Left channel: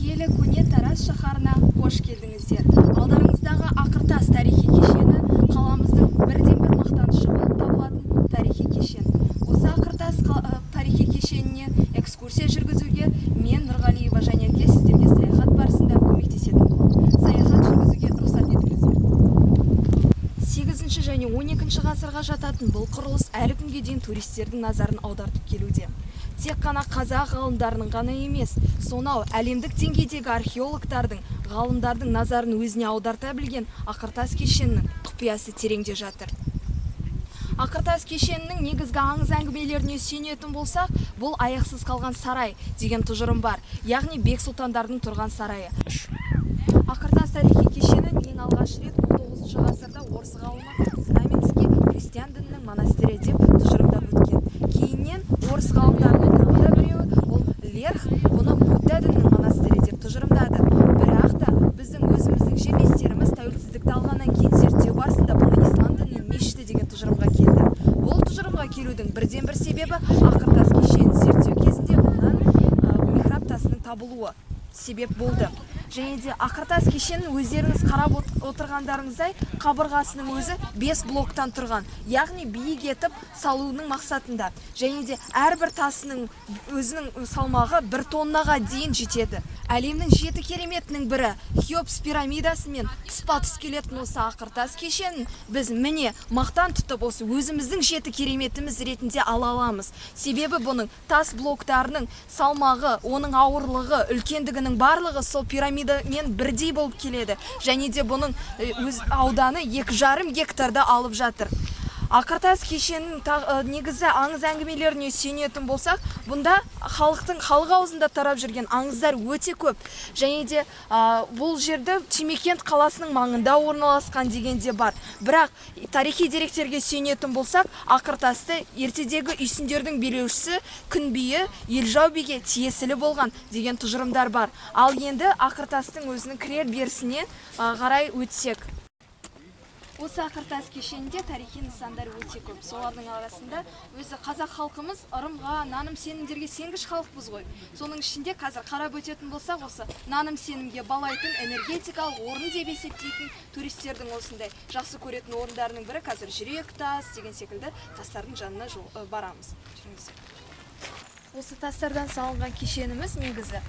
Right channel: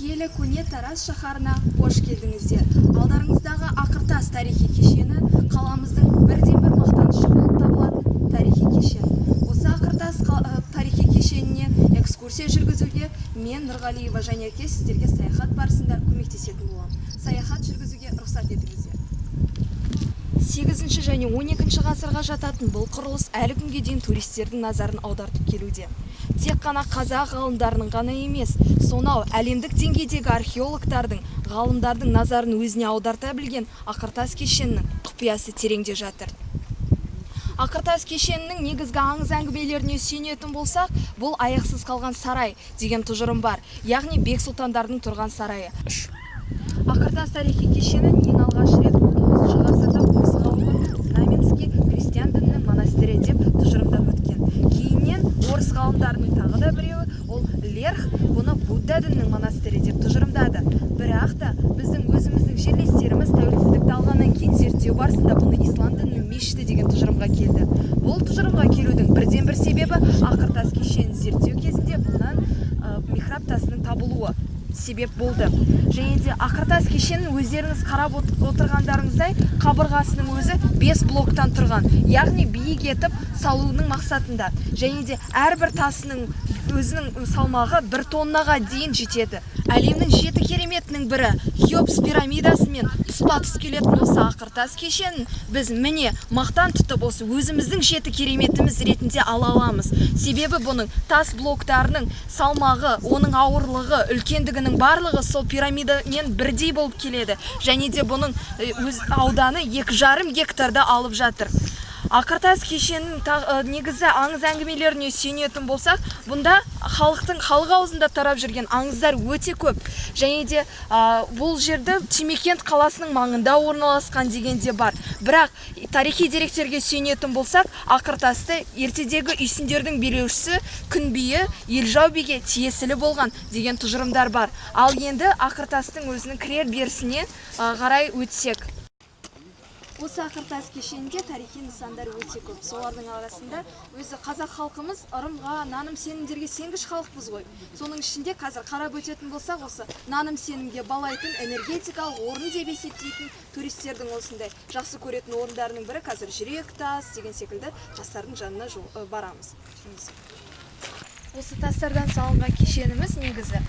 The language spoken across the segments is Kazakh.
киелі көне Тараз шаһарына қош келдіңіздер. Алдарыңыздағы Ақыртас тарихи кешені қаламыздың бірден-бір мақтанышы болып табылатын тарихи кешен. Осы Ақыртас тарихи кешеніне экскурсия жүргізуге мен Нұрғалиева Жанерке сіздерге саяхат барысында көмектесетін боламын. Саяхат жүргізуге рұқсат етіңіздер. 8 және 12 ғасырға жататын бұл құрылыс әлі күнге дейін туристердің назарын аудартып келуде. Тек қана қазақ ғалымдарының ғана емес, сонау әлемдік деңгейдегі археологтардың, ғалымдардың назарын өзіне аударта білген Ақыртас кешенінің құпиясы тереңде жатыр. Ақыртас кешенінің негізгі аңыз әңгімелеріне сүйенетін болсақ, бұл аяқсыз қалған сарай деген тұжырым бар, яғни бек сұлтандардың тұрған сарайы. Ақыртас тарихи кешені ең алғаш рет 19 ғасырда орыс ғалымы Знаменский христиан дінінің монастыры деп тұжырымдап өткен. Кейіннен орыс ғалымдарының тағы да біреуі, ол Лерх, бұны Будда дінінің монастыры деп тұжырымдады. Бірақ та біздің өзіміздің жерлестеріміз тәуелсіздікті алғаннан кейін зерттеу барысында бұны ислам дінінің мешіті деген тұжырымға келді. Бұл тұжырымға келудің бірден-бір себебі Ақыртас кешенін зерттеу кезінде бұнан михраб тасының табылуы себеп болды. Және де Ақыртас кешенін өздеріңіз қарап отырғандарыңыздай қабырғасының өзі 5 блоктан тұрған, яғни биік етіп салуының мақсатында. Және де әрбір тасының өзінің салмағы 1 тоннаға дейін жетеді. Әлемнің 7 кереметінің бірі Хеопс пирамидасы мен тұспа-тұс келетін осы Ақыртас кешенін біз міне мақтан тұтып осы өзіміздің 7 кереметіміз ретінде ала аламыз. Себебі бұның тас блоктарының салмағы, оның ауырлығы, үлкендігінің барлығы сол пирамидамен бірдей болып келеді. Және де бұның ауданы 2,5 гектарда алып жатыр. Ақыртас кешенінің негізі аңыз әңгімелеріне сүйенетін болсақ, бұнда халық аузында тарап жүрген аңыздар өте көп. Және де бұл жерді Темекент қаласының маңында орналасқан дегенде бар. Бірақ тарихи деректерге сүйенетін болсақ, Ақыртасты ертедегі үйсіндердің билеушісі Күнбиі Елжау биге тиесілі болған деген тұжырымдар бар. Ал енді Ақыртастың өзінің кірер берісіне қарай өтсек. Осы Ақыртас кешенінде тарихи нысандар өте көп. Солардың арасында өзі қазақ халқымыз ырымға, наным сенімдерге сенгіш халықпыз ғой. Соның ішінде қазір қарап өтетін болсақ, осы наным сенімге балайтын энергетикалық орын деп есептейтін туристердің осындай жақсы көретін орындарының бірі қазір Жүрек тас деген секілді тастардың жанына барамыз. Осы тастардан салынған кешеніміз негізі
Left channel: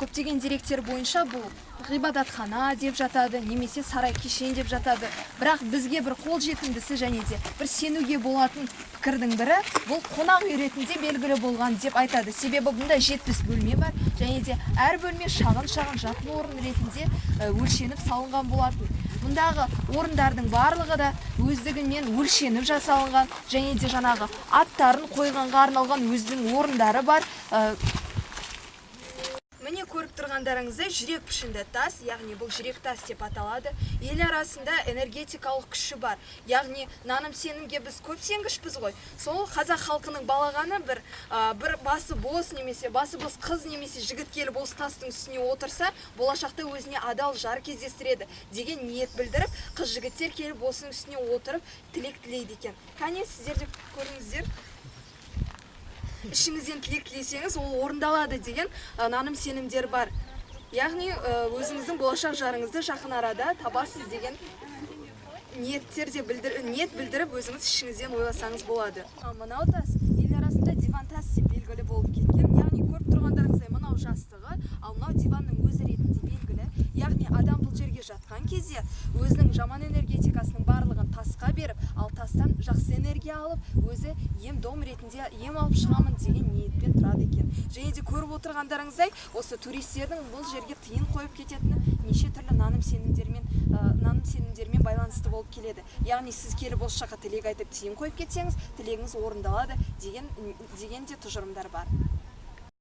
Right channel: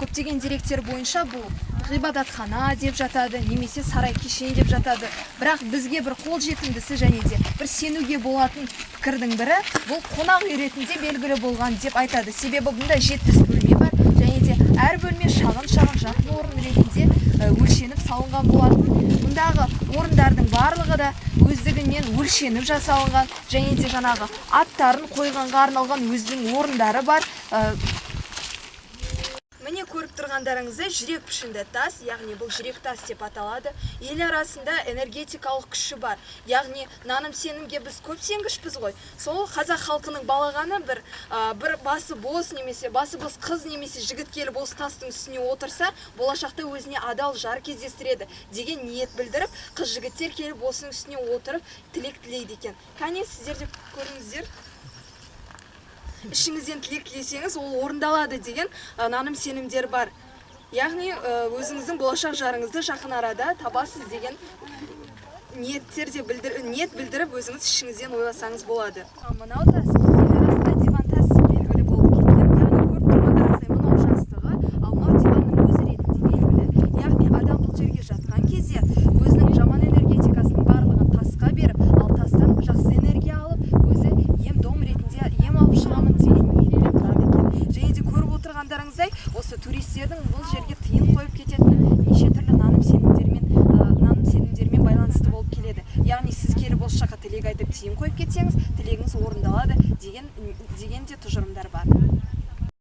көптеген деректер бойынша бұл ғибадатхана деп жатады, немесе сарай кешені деп жатады. Бірақ бізге бір қол жетімдісі және де бір сенуге болатын пікірдің бірі бұл қонақ үй ретінде белгілі болған деп айтады. Себебі бұнда 70 бөлме бар және де әр бөлме шағын жатын орын ретінде өлшеніп салынған болатын. Мұндағы орындардың барлығы да өздігінен өлшеніп жасалынған және де жаңағы аттарын қойғанға арналған өзінің орындары бар. Міне көріп тұрғандарыңыздай жүрек пішінді тас, яғни бұл жүрек тас деп аталады. Ел арасында энергетикалық күші бар. Яғни наным сенімге біз көп сенгішпіз ғой. Сол қазақ халқының балағаны бір басы бос немесе басы бос қыз немесе жігіт келіп осы тастың үстіне отырса, болашақта өзіне адал жар кездестіреді деген ниет білдіріп, қыз жігіттер келіп осының үстіне отырып тілек тілейді екен. Кәне сіздер де көріңіздер. Ішіңізден тілек тілесеңіз, ол орындалады деген наным сенімдер бар. Яғни өзіңіздің болашақ жарыңызды жақын арада табасыз деген ниет білдіріп өзіңіз ішіңізден ойласаңыз болады. Мынау тас ел арасында диван тас деп белгілі болып кеткен. Яғни көріп тұрғандарыңыздай мынау жастығы, ал мынау диванның өзі ретінде белгілі. Яғни адам бұл жерге жатқан кезде өзінің жаман энергетикасының барлығын тасқа беріп, ал тастан жақсы энергия алып, өзі ем-дом ретінде ем алып шығамын деген ниетпен тұрады екен. Және де көріп отырғандарыңыздай, осы туристердің бұл жерге тыйым қойып кететіні неше түрлі наным сенімдермен байланысты болып келеді. Яғни сіз келіп осы жаққа тілек айтып тыйым қойып кетсеңіз, тілегіңіз орындалады деген де тұжырымдар бар.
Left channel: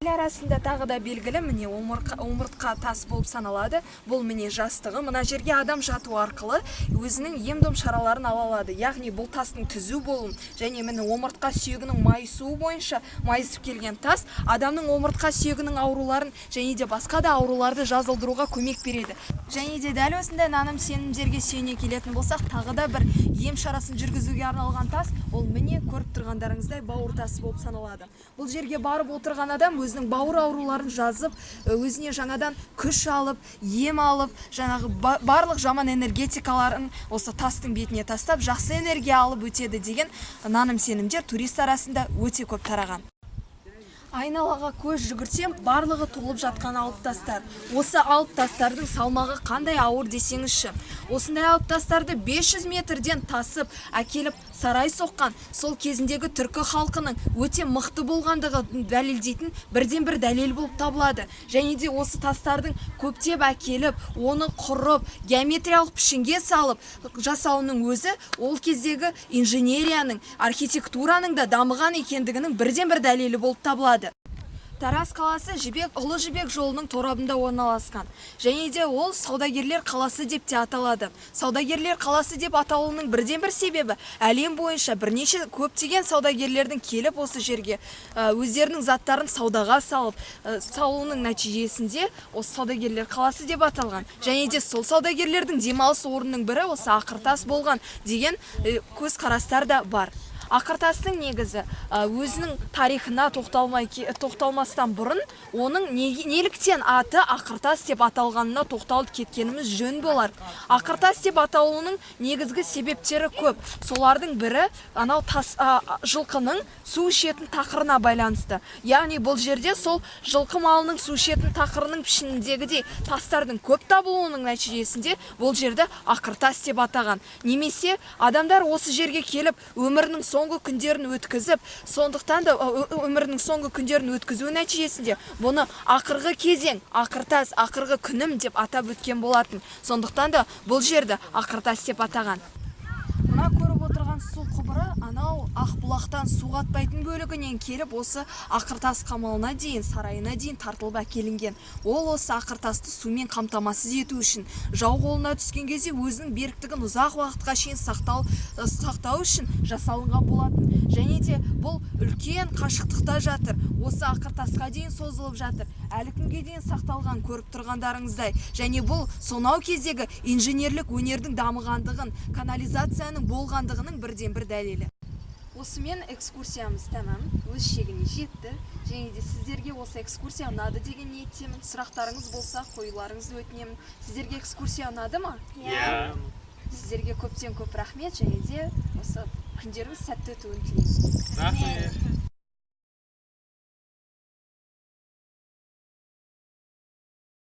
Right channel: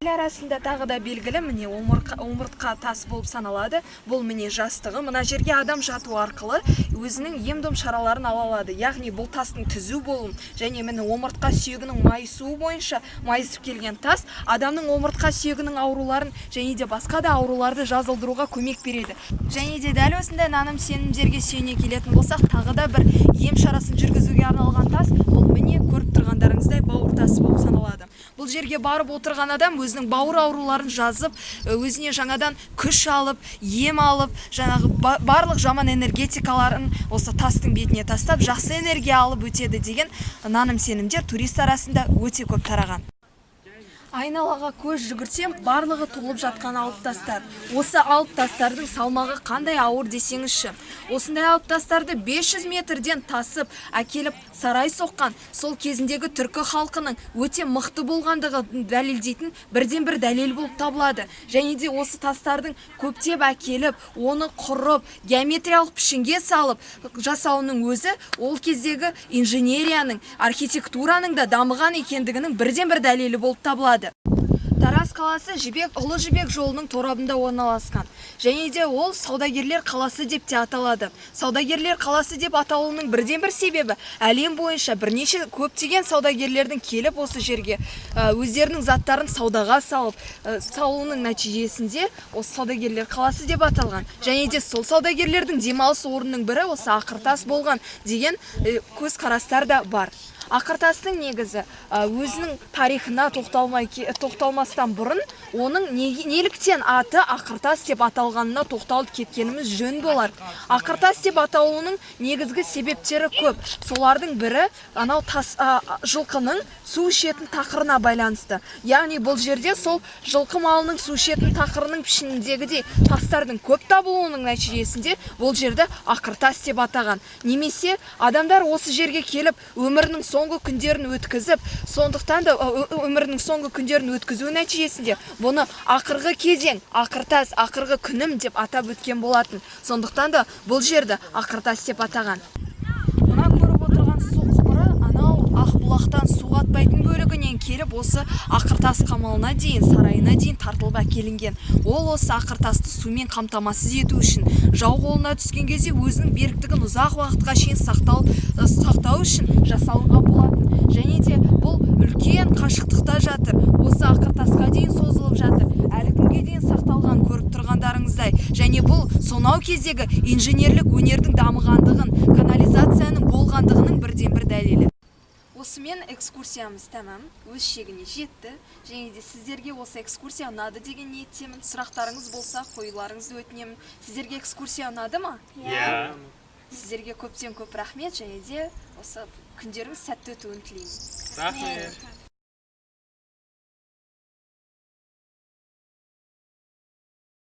Ел арасында тағы да белгілі міне омыртқа тас болып саналады. Бұл міне жастығы. Мына жерге адам жату арқылы өзінің ем-дом шараларын ала алады. Яғни бұл тастың түзу болуын және міне омыртқа сүйегінің майысуы бойынша майысып келген тас адамның омыртқа сүйегінің ауруларын және де басқа да ауруларды жазылдыруға көмек береді. Және де дәл осындай наным сенімдерге сүйене келетін болсақ, тағы да бір ем шарасын жүргізуге арналған тас, ол міне көріп тұрғандарыңыздай бауыр тасы болып саналады. Бұл жерге барып отырған адам өз өзінің бауыр ауруларын жазып, өзіне жаңадан күш алып, ем алып, жаңағы барлық жаман энергетикаларын осы тастың бетіне тастап, жақсы энергия алып өтеді деген наным сенімдер турист арасында өте көп тараған. Айналаға көз жүгірсем, барлығы толып жатқан алып тастар. Осы алып тастардың салмағы қандай ауыр десеңізші. Осындай алып тастарды 500 метрден тасып, әкеліп сарай соққан, сол кезіндегі түркі халқының өте мықты болғандығы дәлелдейтін бірден бір дәлел болып табылады. Және де осы тастардың көптеп әкеліп, оны құрып, геометриялық пішінге салып жасауының өзі ол кездегі инженерияның, архитектураның да дамыған екендігінің бірден бір дәлелі болып табылады. Тараз қаласы Ұлы Жібек жолының торабында орналасқан. Және де ол саудагерлер қаласы деп те аталады. Саудагерлер қаласы деп аталуының бірден бір себебі әлем бойынша бірнеше көптеген саудагерлердің келіп осы жерге өздерінің заттарын саудаға салып, салуының нәтижесінде осы саудагерлер қаласы деп аталған. Және де сол саудагерлердің демалыс орнының бірі осы Ақыртас болған деген көзқарастар да бар. Ақыртастың негізі өзінің тарихына тоқталмастан бұрын оның неліктен аты Ақыртас деп аталғанына тоқталып кеткеніміз жөн болар. Ақыртас деп аталуының негізгі себептері көп. Солардың бірі анау жылқының су ішетін тақырына байланысты. Яғни бұл жерде сол жылқы малының су ішетін тақырының пішініндегідей тастардың көп табылуының нәтижесінде бұл жерді Ақыртас деп атаған. Немесе адамдар осы жерге келіп өмірінің соңғы күндерін өткізіп, сондықтан да өмірінің соңғы күндерін өткізу нәтижесінде бұны ақырғы кезең, Ақыртас, ақырғы күнім деп атап өткен болатын. Сондықтан да бұл жерді Ақыртас деп атаған. Мына көріп отырған су құбыры анау Ақбұлақтан су қатпайтын бөлігінен келіп осы Ақыртас қамалына дейін, сарайына дейін тартылып әкелінген. Ол осы Ақыртасты сумен қамтамасыз ету үшін жау қолына түскен кезде өзінің беріктігін ұзақ уақытқа шейін сақтау үшін жасалынған болатын. Және де бұл үлкен қашықтықта жатыр. Осы Ақыртасқа дейін созылып жатыр. Әлі күнге дейін сақталған көріп тұрғандарыңыздай. Және бұл сонау кездегі инженерлік өнердің дамығандығын, канализацияның болғандығының бірден бір дәлелі. Осымен экскурсиямыз тәмам, өз шегіне жетті. Және де сіздерге осы экскурсия ұнады деген ниеттемін. Сұрақтарыңыз болса, қоюларыңызды өтінемін. Сіздерге экскурсия ұнады ма? Иә. Сіздерге көптен көп рахмет, және де осы күндеріңіз сәтті өтуін тілеймін. Рахмет.